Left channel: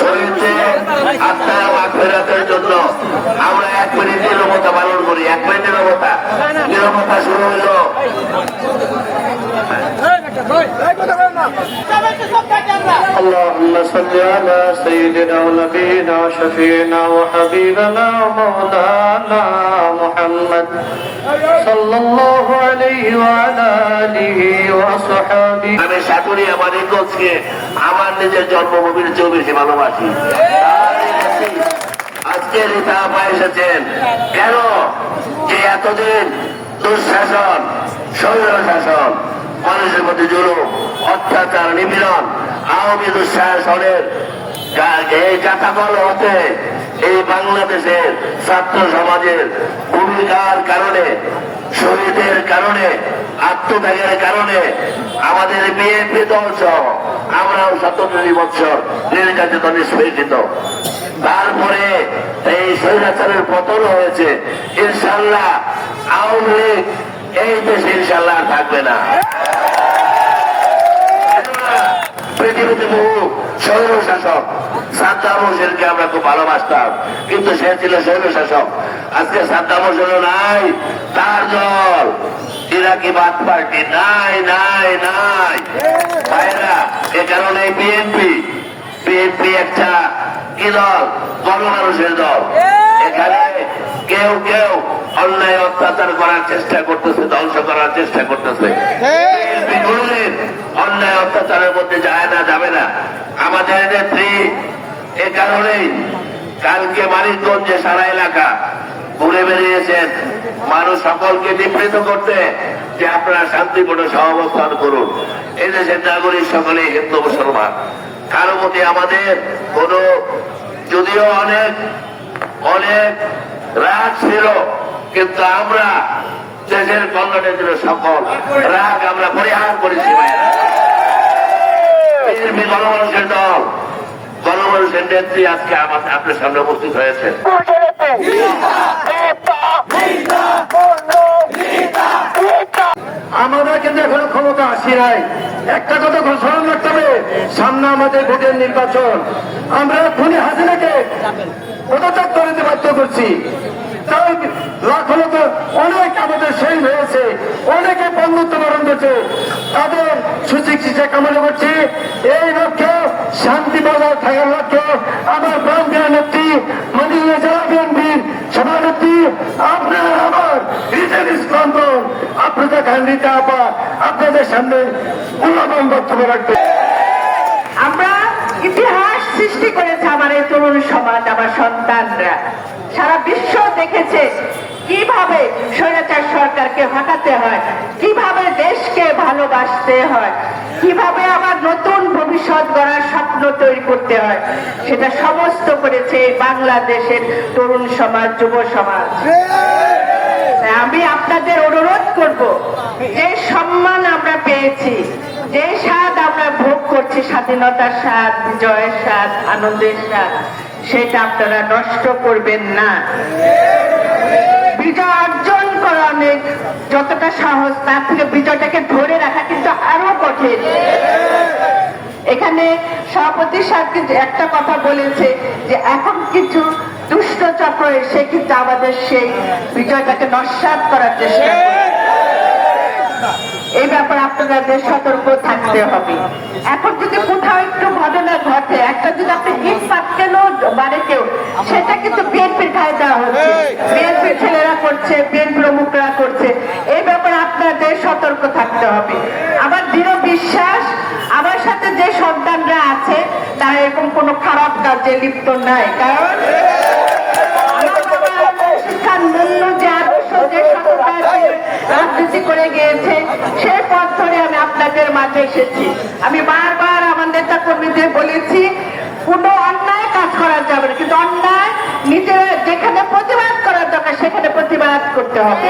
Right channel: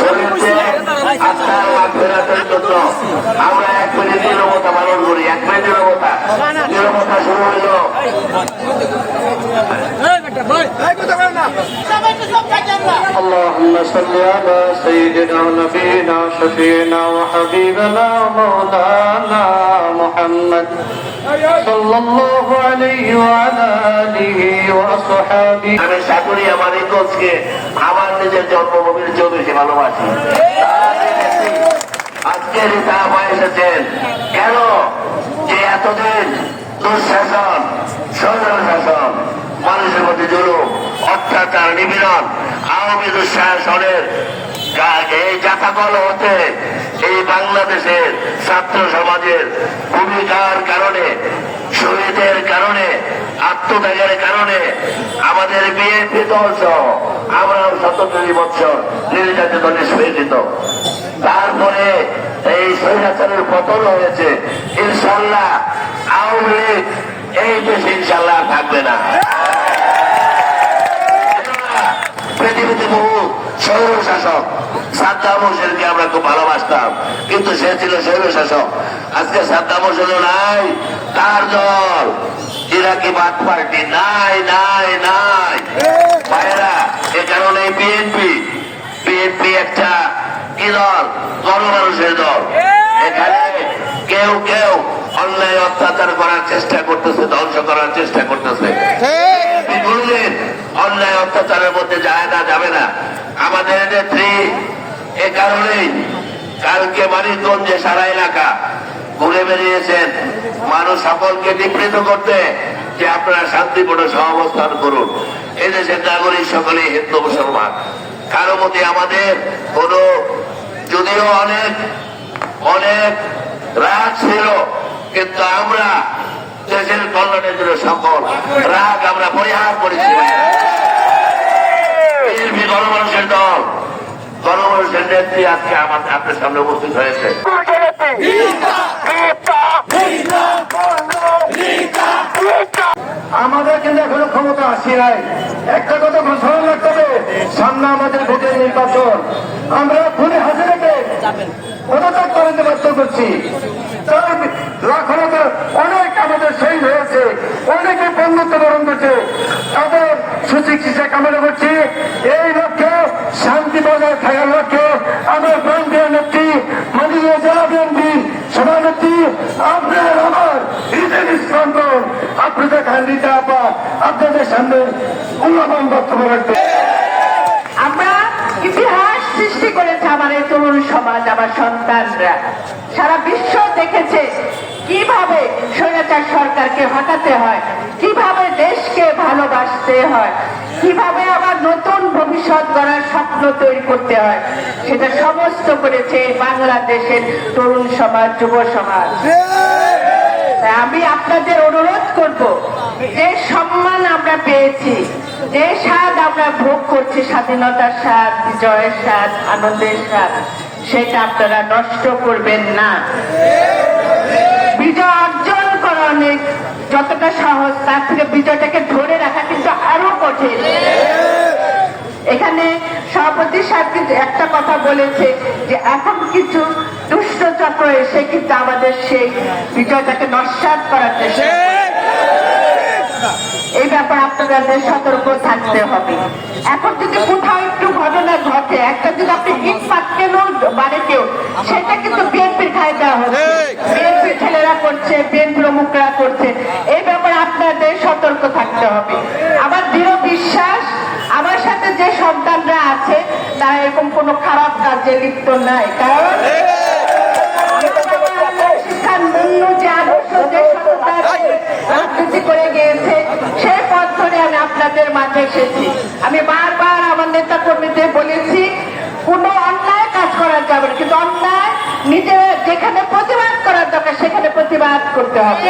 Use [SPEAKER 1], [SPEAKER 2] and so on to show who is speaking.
[SPEAKER 1] শরীরকে আত্মার মাগফিরাতের জন্য আমরা এক মিনিট নিরবতা পালন করি এক মিনিট নিরবতা নিরবতা শুরু হইল
[SPEAKER 2] اللهم صل على سيدنا ونبينا شفينا وحبيبنا ومولانا محمد صلى الله عليه وعلى آله وأصحابه
[SPEAKER 1] আমি আমার ইন্দোজকে আমার নিজের জন্মভূমির চেয়েও ভালোবাসি। আজকে এসেছেন। কেন? যে এতদিন দুঃশাসন স্বৈর শাসন মানুষের মধ্যে জুলুম, অত্যাচার, নিপীড়ন, আওয়ামী দুঃশাসনের এই জাতাকল হতে এই বাংলাদেশের ছাত্র সমাজের ভূমিকার কারণে, শহীদের কারণে আত্মত্যাগের কারণে আমাদের বিএনপি দল সহ আমরাও শতকারী বছর নির্যাতিত, নিষ্পেষিত। তারপরে এই স্বৈরাচারের পতন হয়েছে। ইনশাল্লাহ আওয়ামী লীগ এই দেশে ইনশাল্লাহ থাকবে না। পৃথিবীতে বহু স্বৈর শাসক। সাদ্দাম হোসেনকে আমরা খুব ভালোবাসতাম কিন্তু সে ছিল স্বৈর শাসক। আজকে সাদ্দাম হোসেন নাই তার দল। ইরাকি বাদ পার্টি নাই নাই নাই। ভাইরা এ কারণে বিএনপি বিএনপি একটা কি দল? গণমানুষের দল। এখানে কেউ কেউ অন্যায় অত্যাচার করার চেষ্টা করতেছে ধ্বংস করার চেষ্টা করতেছে। বিএনপি অন্যায় অত্যাচারের মধ্যে যায় না, যাবে না। আমাদের নেত্রী এ কারণেই কালকে মানিকগঞ্জে সারা এলাকা ঘুরে বেরিয়েছেন। মানুষ সকলকে নিবৃত করতে যে আপনারা শান্তিপূর্ণ সহাবস্থান করুন। এই দেশের নাগরিক সকলে হিন্দু মুসলমান। কারও মধ্যে আমাদের কোন, যদিও অনেক অনেক রাগ ছিল, কিন্তু আমরা দেশের কল্যাণের জন্য সফল। রাগ আমরা পরিহার করেছি। বিএনপি গণমানুষের দল গণমানুষের নেত্রী আজকে আমাদের আপনার সামনে উপস্থিত হয়েছে।
[SPEAKER 2] আমাদের কিন্তু এখনও ক্ষমতা আসি নাই। একটা কথা ঘোষণা করতে হবে সামনে আমাদের ভোটের নির্বাচন। আমরা খুনি হাসিনাকে পদত্যাগ করাতে বাধ্য করছি তার ক্ষমতা অনেক আমাদের সেই হয়েছে অনেকে বন্ধুত্ব বরণ করছে। তাদের সুচিকিৎসা কামনা করছি। এই লক্ষ্যে শান্তি বজায় থাকার লক্ষ্যে আমার ব্যাংকের নেত্রী মদিনা জেলা বিএনপির সভানেত্রী, আপনার আমার ঈদের স্পন্দন। আপনাদের খান্ডিতা আপা, আপনাদের সামনে মূল্যবান বক্তব্য রাখতে
[SPEAKER 3] আমরা ইতিহাস সৃষ্টি করেছে আমার এই তরুণ সমাজ, আমার সন্তানরা। সারা বিশ্ব দেখেছে কীভাবে স্বৈরাচার সরকারকে হটাতে হয়, কীভাবে দেশকে ভালোবাসতে হয়, কীভাবে আবার নতুন ভবিষ্যৎ গড়ার স্বপ্ন তৈরি করতে হয়, সেটা সমস্ত করেছে বাংলাদেশের তরুণ সমাজ, যুব সমাজ। আমি আপনাদের অনুরোধ করব, যে সম্মান আমরা পেয়েছি, যে স্বাদ আমরা ভোগ করছি স্বাধীনতার স্বাদ জয়ের স্বাদ, আনন্দের স্বাদ সেটা আপনারা নষ্ট করবেন না। বিজয় অর্জন করা অনেক। যতটা সহজ তার থেকে বিজয়টাকে ধরে রাখা কিন্তু আরও কঠিন। এখানে সভাপতি কিন্তু একটা কথা বলেছে যে, এখন কিছু দুষ্ট চক্র এসে কিন্তু আমাদের সেই বিজয়টাকে নস্বাত করার চেষ্টা এই ব্যাপারে আপনাদের সতর্ক থাকতে হবে। এখন থেকে কোথাও ঘটনা ঘটে। একটা আপনি কেউ, সেটা কিন্তু বিএনপির দেওয়া হচ্ছে। বিএনপির ছেলেরা করছে করছে। এই ব্যাপারে আপনাদের সতর্ক থাকতে হবে। আমার দৃঢ় বিশ্বাস, আমার সাথে যে সন্তানরা আছে এরকম কোনো খারাপ কাজে লিপ্ত নাই। কারণ পথ ধরে আমি আপনাদের মাঝে এসেছি। আমি বারবার আমার যে বলেছি কোনো অন্যায় কাজ করা যাবে না কিন্তু অন্যায় নিজেরা যেখানে প্রতিবাদ করার দরকার সেখানে প্রতিবাদ করতে হবে